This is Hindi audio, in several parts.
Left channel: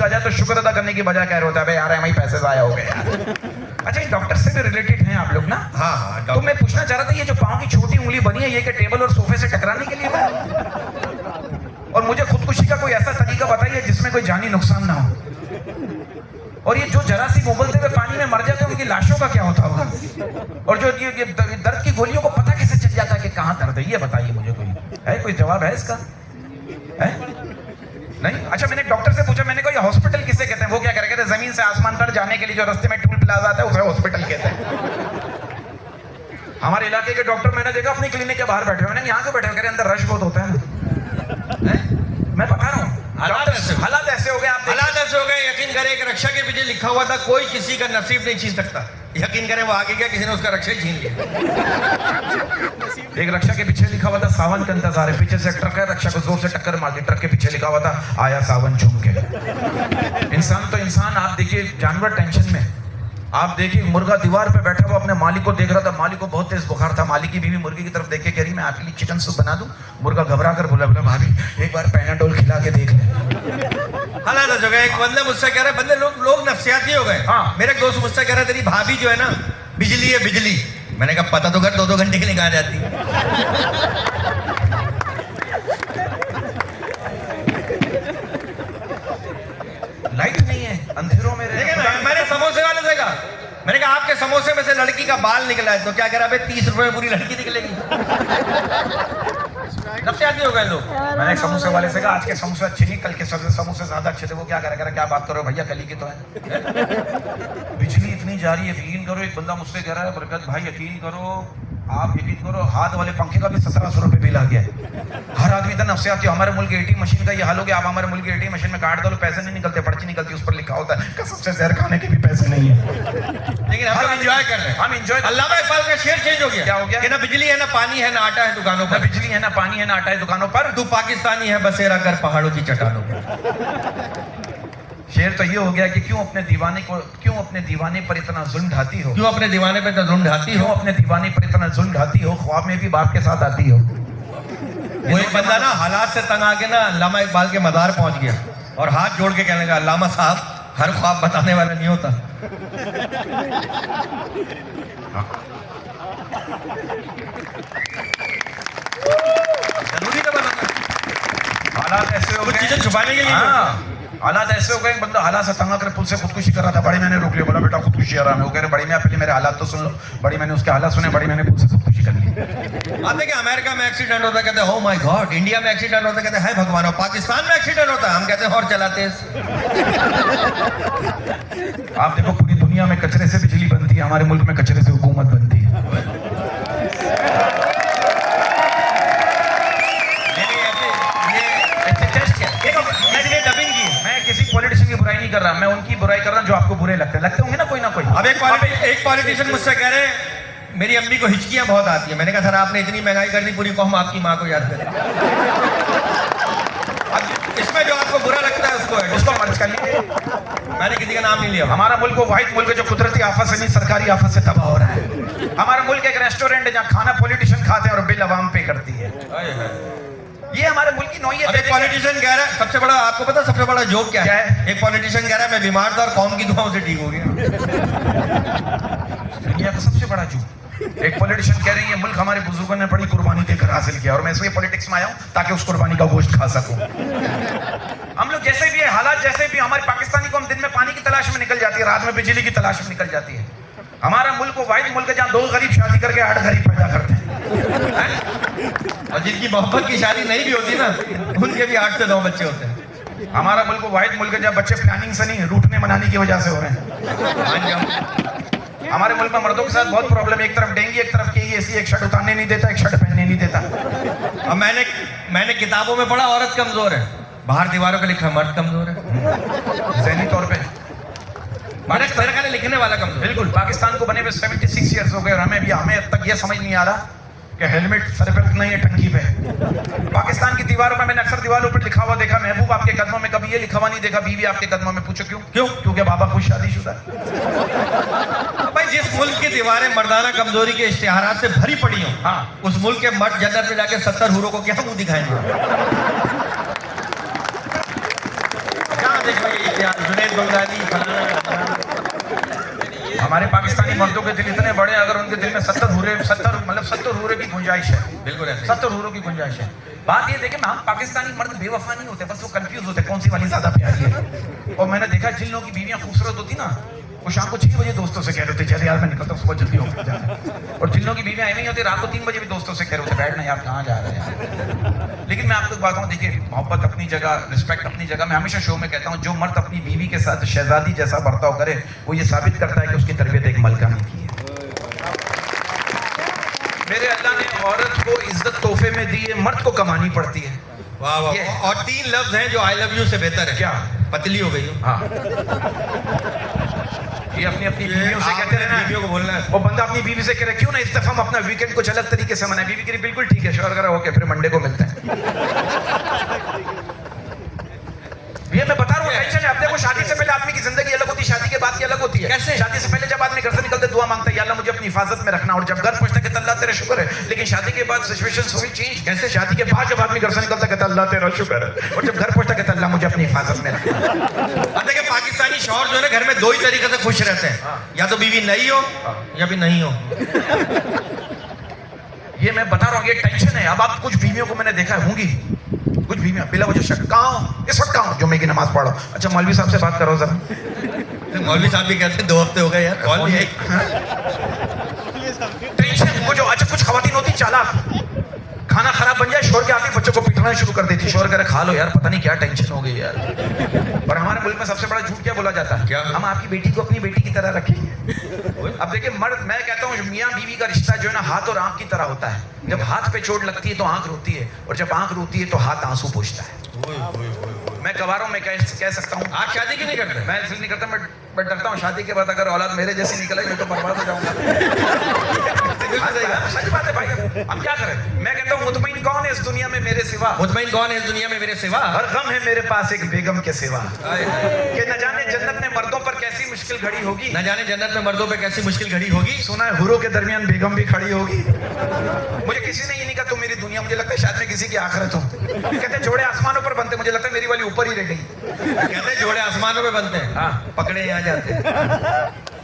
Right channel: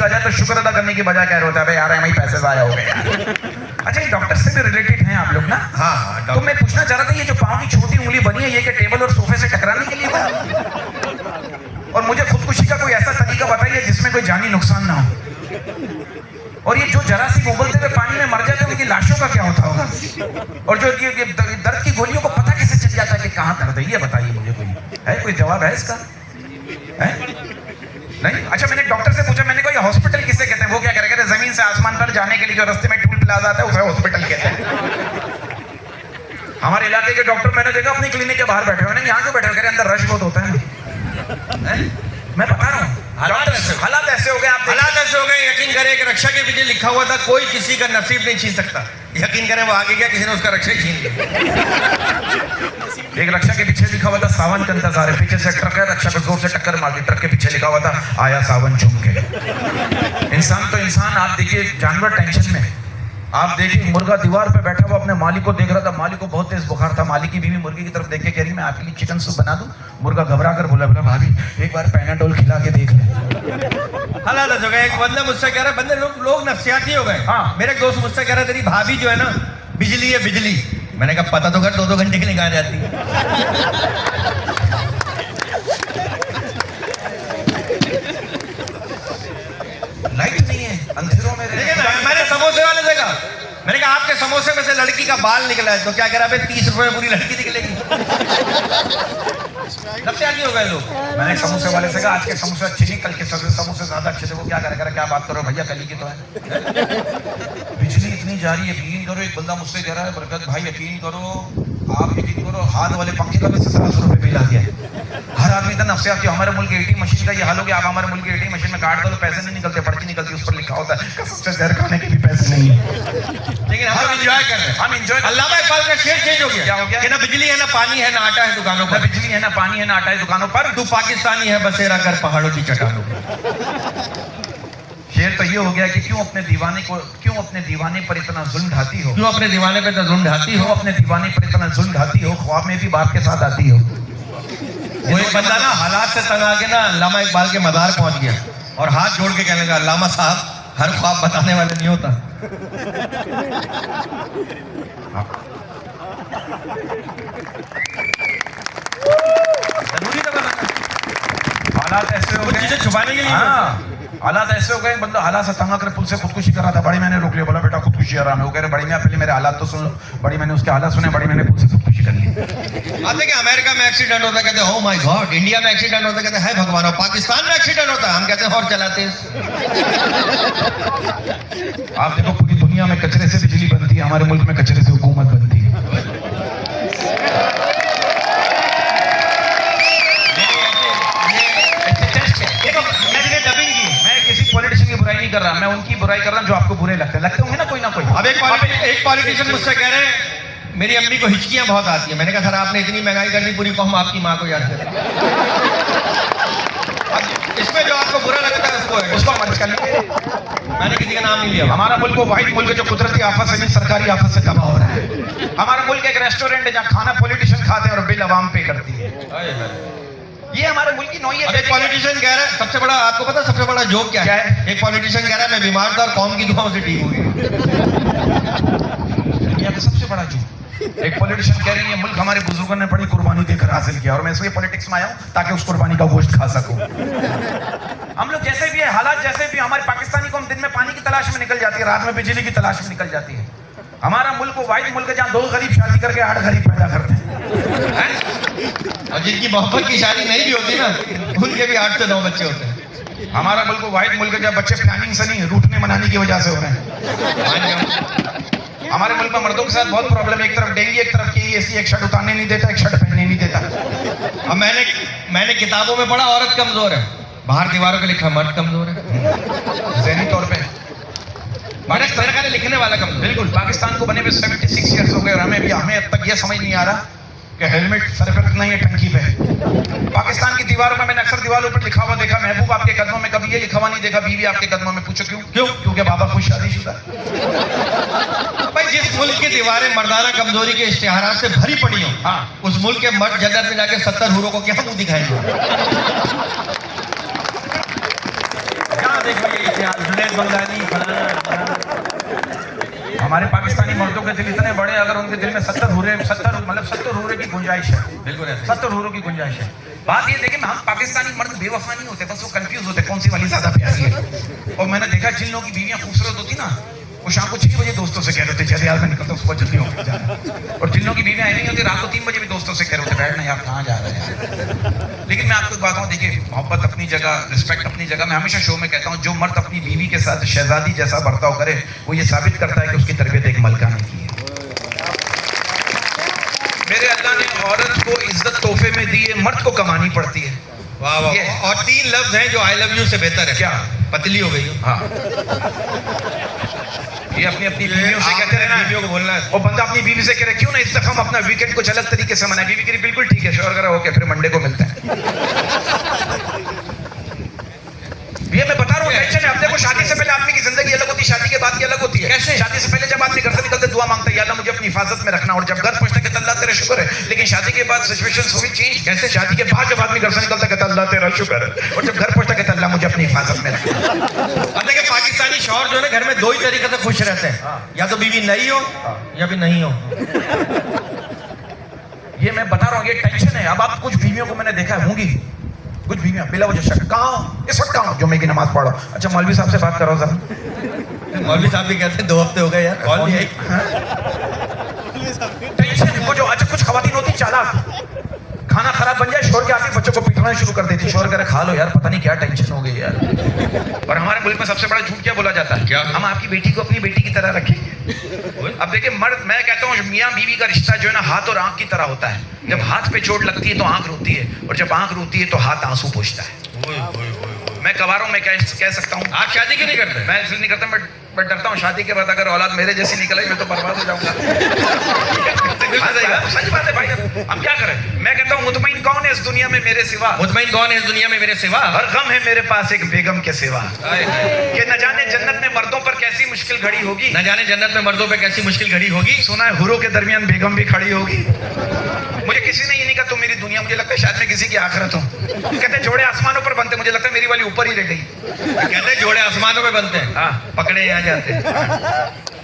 ठीक आ जाए तो शुक्र अदा करने की बजाय कह रहे होता है भाई यार हमारे पैसे ज़ाया हो गए यार। अच्छा, डॉक्टर से भी रिलेटेड हैं आप लोग ना? हाँ, तो मैं पूछना चाह रहा था, ये जो पाँव की छोटी उंगली बनी है ये कि टेबल और सोफे से टकराने के लिए बनी? और मुझे खुदकुशी का कोई ऐसा तरीका बताइए जिसमें कोई जानी नुकसान ना हो। और ये जो जरा सी उबलते हुए पानी में मर जाए तो उनकी लाशों का क्या होता होगा? और जो ये दर्द की गोलियों को पता कैसे चल जाता है कि कहाँ दर्द है? ये बताइए मुझे, कोई जवाब है इसका? है? नहीं? अच्छा, मैंने डॉक्टर से पूछा, मैंने कहा ये हॉस्पिटल किसे कहते हैं? वो क्या कहते हैं, जमीन से आसमान पर जाने के लिए जो रास्ते में टूल प्लाजा आता है उसे हॉस्पिटल कहते हैं। हमारे इलाके के डॉक्टर मैंने देखा अपनी क्लिनिक के बाहर बैठे हुए, मैंने यहाँ क्यों बैठे हुए? अंदर रश बहुत होता है ना। मैं बता रहा हूँ, हालात ऐसे हो गए, आप हालात ऐसे हो गए। यकीन करें कि रक्षा के पीछे लिखा हुआ था कोई किसी का नसीब नहीं छीन सकता। यकीन करें वो आगे गया, किसी ने उसका रक्षा ही छीन लिया। एक रक्षा के पीछे लिखा हुआ था सावन का इंतजार है, पीछे से ट्रक है, रक्षा को जोर से टक्कर मार दी, ट्रक के पीछे लिखा हुआ था आया सावन झूम के। इंसान तो इंसान, आप देखिए जानवर टेंशन में। आप देखिए मुर्गा दीवार पे बैठा हुआ अपने मालिक को देख रहा था, मालिक को बहुत तेज बुखार था, मालिक की बीवी मुर्गी की तरफ देख के कह रही मैं आपके लिए चिकन सूप बना दूं। मुर्गा घबरा कर बोला भाभी एक बार पैनाडोल खिला के देख ले। हालात ऐसे हो गए। एक बंदा मुझसे कह रहा है, बंदे लोग नफसियाती हो गए। हाँ। मेरे दोस्त मुझसे कह रहे तेरी भाभी जो है ना बिजली है बिजली। मैंने कहा पता तो कर 2-2 घंटे के लिए कहाँ जाती है। लाइट नहीं है, अंधेरों में मैंने समोसे वाले से कहा, मैंने कहा आपके समोसे में से लड़की का बाल निकला है तो क्या कह रहा है 30 रुपए में पूरी लड़की निकलेगी। नफसियाती हो गए लोग। मैंने समोसे वाले से कहा आज के समोसे अच्छे नहीं, कल के समोसे ज्यादा अच्छे थे। वो क्या करेगा, क्या बात करो भैया, कल की तो है। बिजली इतनी जा रही है, यकीन करो। एक बंदा मुझसे कह रहा है बरकत भाई यकीन करो, आप यकीन करो हाथ वाले पंखे का भी 1700 रुपये बिल आ गया। हर आदमी का नफसियाती। हमारे मुल्क एटीएम मशीन का ये हाल हो गया। आप हमारे मुल्क एटीएम मशीन में कार्ड डालो, पैसे नहीं निकलते, पर्ची निकलती, उस पर लिखा होता है कसम से जहर खाने के भी पैसे नहीं है। लेकिन हम एंजॉय कर रहे हैं, हम एंजॉय। अल्लामा इकबाल का शेर चेंज हो गया। क्या हो गया? कि ना बिजली है ना पानी है ना आटा है दुकानों पर। बिजली है ना पानी है ना आटा है दुकानों पर। तू पाकिस्तानी है बसेरा कर पहाड़ों की चट्टानों पर। शेर तो ये हो गया कि क्यों अपने दीवाने पर इतना जुल्म ढाती हो, क्यों अपने दीवाने पे जुल्म ढाती हो, क्यों अपने दीवाने पर इतना जुल्म ढाती हो, ख्वाब में भी बाप के साथ आती हो। वो एक बंदा ना हालात से तंग आके ना अल्लामा इकबाल के मदार पहुंच गया और हाथ जोड़ के कहने लगा अल्लामा साहब हर ख्वाब बताने वाला नहीं होता। जरूरी का बताना, हालात ऐसे हो कुछ गए, चीजें छुपाने के लिए। हाँ, हालात ऐसे हो गए। बंदा हालात से तंग आकर पुल से खुदकुशी कर रहा था, बड़ी मैंने रोक लिया, बोला बेटा खुदकुशी आ रहा है। वो कह रहे बड़ी मैं पहले मेरे हालात तो सुन। बड़ी मैंने उसके हालात सुने, बड़ी मैंने पुल से खुदकुशी कर ली। आते कि अमेरिका में एक्सीडेंट होता कहते हैं oh my God, इंडिया में एक्सीडेंट होता कहते हैं भगवान, और पाकिस्तान में एक्सीडेंट होता हम कहते हैं और चलाते हैं। आप देखो पूरी दुनिया में कचरे से बिजली बनती है, हमारे मुल्क में कचरे से हुकूमत बनती है। पॉलिटिशियन की बुराई नहीं कर रहा, मैं उनकी बुराई कर रहा हूं जो आपको बुरे लगते होंगे ना कोई ना कोई। अब एक पॉलिटिशियन मुझसे कह रहे हैं मेरी अम्मी को हिचकियां बहुत आती है। मैंने कहा सर आपने इतनी महंगाई कर दी पूरी कौम आपकी माँ को याद करे। इसमें जो आपको बुरा लगता है उसको मदद करिए। मैंने किसी का नाम नहीं लिया। हमारा मुल्क वो वाहिद मुल्क जो कुदरती आफत से नहीं सरकारी आफत से तबाह हो रहा है। हमारा मुल्क एक रेस्टोरेंट है जहाँ खाना पॉलिटिशियन खाते हैं और बिल अवाम पे करती है। ये हमारे मुल्क की नौयत है। एक पॉलिटिशियन कह रहा है सबसे बड़ा, आपको पता सबसे बड़ा जोक क्या है? एक पॉलिटिशियन कह रहा है मैं बीमार था और कौम की दुआओं से ठीक हो गया। दुनिया का सबसे बड़ा जोक। एक पॉलिटिशियन कह रही है मुल्क हमारे बुजुर्गों ने बड़ी कुर्बानी देकर हासिल किया और मैं इसलिए पॉलिटिक्स में आया हूं ताकि उस कुर्बानी का गोश्त खा सकूं। हम लोग जैसे भी है, हालात जैसे भी, हमारे पाकिस्तानी कौम दिन में पानी की तलाश में निकल जाती है, रात में बिजली की तलाश में निकल जाती है। हमारा मुल्क वो वाइड मुल्क है जहाँ 2 गरीब शादी करके 8 गरीब पैदा करते हैं। और जिनकी मोहब्बत की शादी नहीं भी होती ना उनके भी 8 से 9 बच्चे होते हैं। हमारा मुल्क वाइड मुल्क है जहाँ बच्चे प्लानिंग से नहीं रूठने मनाने की वजह से हो रहे हैं। हमारे मुल्क में मर्दों के साथ बहुत प्रॉब्लम है, एक तरफ डेंगू, एक तरफ KEC, एक शर्ट उतारने नहीं देता, एक शर्ट पहनने नहीं देता। अब मैंने किताबों में पढ़ा औरत कमजोर है, बाहर दीवारों पे लिखा मर्द कमजोर है। ज़हनी तौर पे मैंने लिखने वाला कमजोर। बिल्कुल। पाकिस्तान को बने हुए 76 ईयर्स हो गए और हमें अब तक ये समझ नहीं आ रहा कि हेलमेट सर पे रखना ही है टंकी पे। पाकिस्तान की दीवारों में मैंने अक्सर दीवारों पर लिखा हुआ देखा महबूब आपके कदमों में, कभी ये लिखा हुआ नहीं देखा बीवी आपके कदमों में। पूछो क्यों? क्योंकि बाबा खुद शादीशुदा। भाई जिस मुल्क की दीवारें मर्दाना कमजोरी के इश्तिहारात से भरी पड़ी हैं, हाँ, उस मुल्क के मर्द जन्नत में जाके 70 हूरों को क्या मुंह दिखाएंगे? कहाँ देख भाई जुनैद बगदादी फलाना हमारे पाकिस्तानी मर्दों के दिल इतने बड़े, अगर उनके दिल में 70 हूरे की गुंजाइश है, बिल्कुल ऐसे। 70 हूरों की गुंजाइश है। बात ये देखिए, हम पाकिस्तानी मर्द बेवफा नहीं होते, बस वो कंफ्यूज होते कौन सी वाली ज्यादा प्यारी है। और मैंने देखा जिन लोगों की बीवियां खूबसूरत होती ना, वो शाम को 6 बजे दोस्तों से कह रहे होते चल यार मैं निकलता हूँ, सुबह जल्दी होकर जाना। और जिन लोगों की बीवियां नहीं होती, रात को 3 बजे भी दोस्तों से कह रहे होते बैठना यार कहाँ जा रहे हैं। लेकिन मैं आपको एक बात कहूँ, देखिए मोहब्बत अपनी जगह, रिस्पेक्ट अपनी जगह। मैं हमेशा शो में कहता हूँ जो मर्द अपनी बीवी के साथ शहजादी जैसा बर्ताव करे, वो ये साबित करता है कि उसकी तरबियत एक मलका ने की है। मेरे अल्लाह ने औरत को इज्जत तोहफे में दी है, मर्द को कमानी पड़ती है। वाह वाह। और 3 लफ्ज हैं जो आई लव यू से बेहतर है। क्या? पतली हो गई हो। हाँ, ये अपनी अपनी बीवियों से कहते हैं ना, बीवियों को बोलना है। वो बंदा अपनी बीवी से कह रहे क्यों ना इस दफा हम अपना वीकेंड कुछ अलग तरीके से मनाए। बीवी कह रही बिल्कुल ठीक है, शोर करा ओके, फिर मंडे को मिलते हैं। ये मैं बता रहा हूँ टेंशन है। अब देखो शादी से पहले आदमी की जिंदगी अलग होती है, शादी के बाद की अलग होती है। कैसे? शादी से पहले जब आदमी घर से निकलते दुआ मांगता है या अल्लाह मुझे अपनी हिफाजत में रखना, और जब घर पहुंचता है अल्लाह तेरा शुक्र है। लेकिन शादी के बाद सिचुएशंस हुई चेंज। कैसे? शादी के बाद जब आदमी घर से निकलता कहता अल्लाह तेरा शुक्र है, और जब घर पहुंचता कहता अल्लाह मुझे अपनी हिफाजत में रखना। अब देखिए पाकिस्तानी शौहर जो है ना घर में 2 ही तरीके से खुश रहते हैं, या तो बीवी नई हो या फिर नहीं हो। ये मैं बता रहा हूँ, ये टेंशन है। अब आप कुछ बीवियों को मैंने देखा है, होंगी कुछ बीवियां बिला वजह शक कहाँ इस वक्त कहाँ जुम्मे की नमाज पढ़ो। अच्छा मौलवी साहब से बात करो जरा। मौलवी साहब भी कहते हैं 2 हफ्ते हो गए यार, कॉल नहीं आई। टेंशन वो जो अच्छा कुछ खवातीन होती चालाक, खाना खराब बन जाए शोर के आके बच्चों को पिटवाना शुरू कर देती, शोर करे खा लो यार, पता नहीं क्या टेंशन हो गई यार। और हमारे मुल्क में सबसे बड़ा झूठ क्या बोला जाता है? क्या? हम आपकी बेटी को अपनी बेटी की तरह रखेंगे। अब देखिए मर्द, मैं कहता हूँ मियाँ बीवी का रिश्ता जो है ना हाथ और आंख की तरह होता है। जब हाथ पे चोट लगती है तो आंख रोती है, और जब आंख रोती है तो हाथ आंसू पोंछता है। मैं कवारों में कह सकता हूँ, आप शादी क्यों नहीं करते? मैं इसलिए नहीं करता, मैं डरता हूँ शादी के बाद अगर औलाद मेरे जैसी निकले मैं तो बर्बाद हो जाऊंगा। सच बात है भाई, हम क्या करें। मैं कहता हूँ मुतमईन कौन है इस दुनिया में मेरे सिवा, मुतमईन कौन है इस दुनिया में मेरे सिवा, हर गम है मेरे पास एक बेगम के सिवा। आए, आए। कि न जाने जन्नत में मर्दों पर कैसी मुश्किल घड़ी होगी, न जाने जन्नत में मर्दों पे कैसी मुश्किल घड़ी होगी। सुना है हुरों के दरमियान बेगम भी खड़ी होगी। मुझे किसी ने ये नहीं कहा तुम मेरी दुनिया, मुझे लगता है शायद मैं किसी की आखिरत हूँ। कहते हैं जोड़े आसमानों पर बनते, मुझे लगता है मेरी वाली ऊपर ही रह गई। कहते हैं जोड़े आसमानों पे बनते हैं, हाँ। पकड़े यहाँ जाते हैं।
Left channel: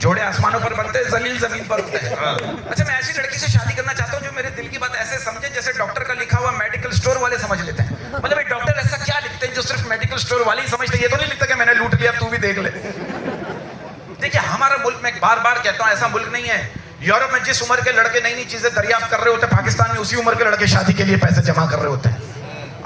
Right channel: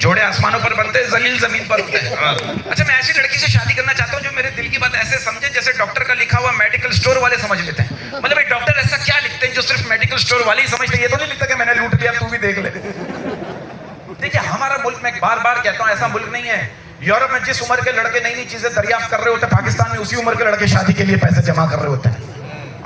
जोड़े आसमानों पर बनते हैं, जलील जमीन पर होते हैं। हाँ। अच्छा मैं ऐसी लड़की से शादी करना चाहता हूँ जो मेरे दिल की बात ऐसे समझे जैसे डॉक्टर का लिखा हुआ मेडिकल स्टोर वाले समझ लेते हैं। मतलब एक डॉक्टर ऐसा क्या लिखते हैं जो सिर्फ मेडिकल स्टोर वाले ही समझते हैं। ये तो नहीं लिखता कि मैंने लूट लिया तू भी देख ले। देखिए हमारा मुल्क, मैं बार बार कहता हूँ ऐसा मुल्क नहीं है। यूरोप में जिस उम्र के लड़के नई नई चीजें दरियाफ्त कर रहे होते हैं, पाकिस्तान में उसी उम्र के लड़के शादी के लिए पैसे जमा कर रहे होते हैं।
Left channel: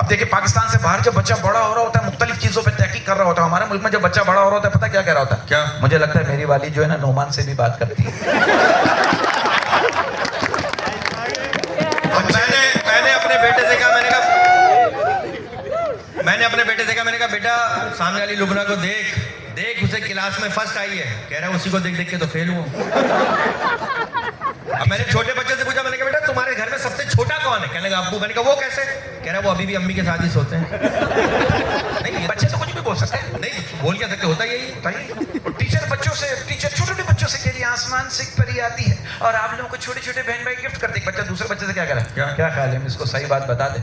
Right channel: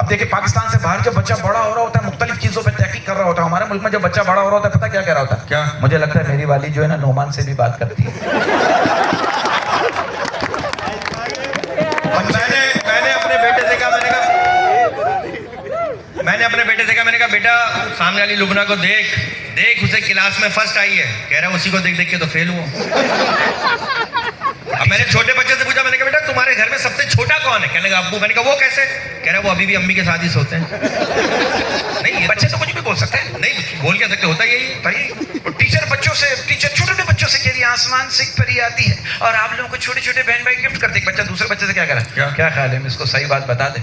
अब देखिए पाकिस्तान से बाहर जब बच्चा बड़ा हो रहा होता है मुख्तलिफ चीजों पे तहकीक कर रहा होता है। हमारे मुल्क में जब बच्चा बड़ा हो रहा होता है पता क्या कह रहा होता है? क्या? मुझे लगता है मेरी वाली जो है ना नोमान से भी बात करती है। और मैंने अपने बेटे से कहा, मैंने कहा बेटा सामने वाली लुबना को देख उसे क्लास में फर्स्ट आई है। कह रहा है उसी को देख देख के तो फेल हुआ। अब मैंने छोटे बच्चे से पूछा, मैंने कहा बेटा तुम्हारे घर में सबसे छोटा कौन है? कहने लगा अब्बू। मैंने कहा वो कैसे? कह रहा वो अभी भी अम्मी के साथ ही सोते हैं। नहीं बच्चे तो कुछ भी बोल सकते हैं। नहीं बोल क्या सकते, होता यही भाई टीचर छोटे छोटे बच्चों से कह रही आसमान से एक परी आती है और आप लोगों को छोटे छोटे बहन भाई गिफ्ट करते। बच्चा दूसरे बच्चे से क्या कह रहा है? क्या ख्याल है, हम इसको सही बात बता दे।